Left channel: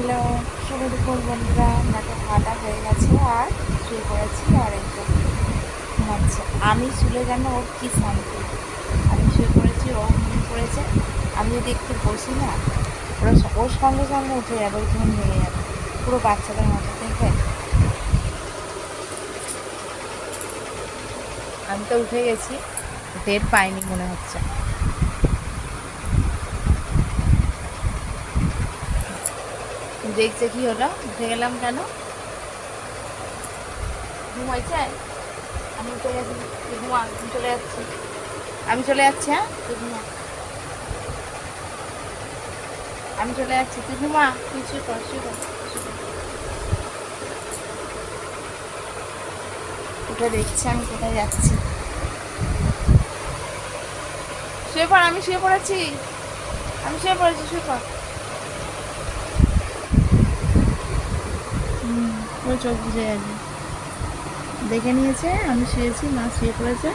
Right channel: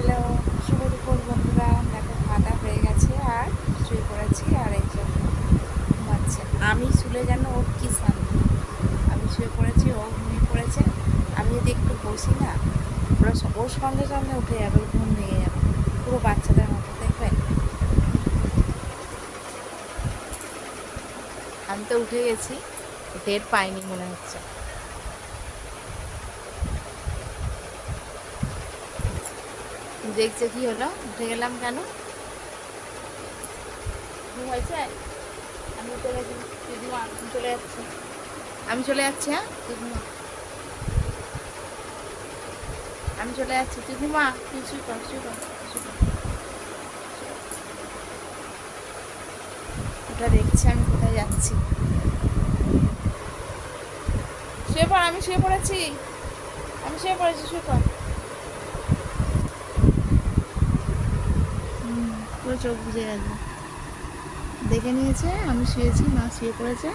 Hello, শুভ দুপুর বন্ধুরা। দেখো খাওয়া হয়ে গেছে আর শুয়ে পড়েছি আর একটু ঘুমাচ্ছে। আমি শুলে যেন ওর কী শান্তি। আমি শুয়ে পড়েছি, ও ঘুমিয়ে পড়েছে। আমি যদি একটু বসি না, ওর সঙ্গে সঙ্গে উঠে যাবে, ওর ঘুম ভেঙে যাবে, পুরো বাচ্চাদের মতো দেখবে। আমি তো উঠে গেছি, টের পাইনি মনে হচ্ছে। দেখছে কি হলো, উঠে গেলাম কেন? ঘুমাইছে। আমি উঠে গেছি, তুই ঘুমা, আমি চলে যাচ্ছি। আমি চলে যাচ্ছি, হ্যাঁ তুই ঘুমা। আমি চলে যাচ্ছি, তুই ঘুমা, তুই শুয়ে পড়, শুয়ে পড়, শুয়ে পড়। উঠে দেখছি আমি কোথায় যাচ্ছি। শুয়ে পড়, আমি শুয়ে পড়েছি, আমি শুয়ে পড়েছি, শুয়ে পড়। ও চোখ বুঝে গেছে, দেখে নিয়েছে আমি শুয়েছি, মা শুয়ে পড়েছে।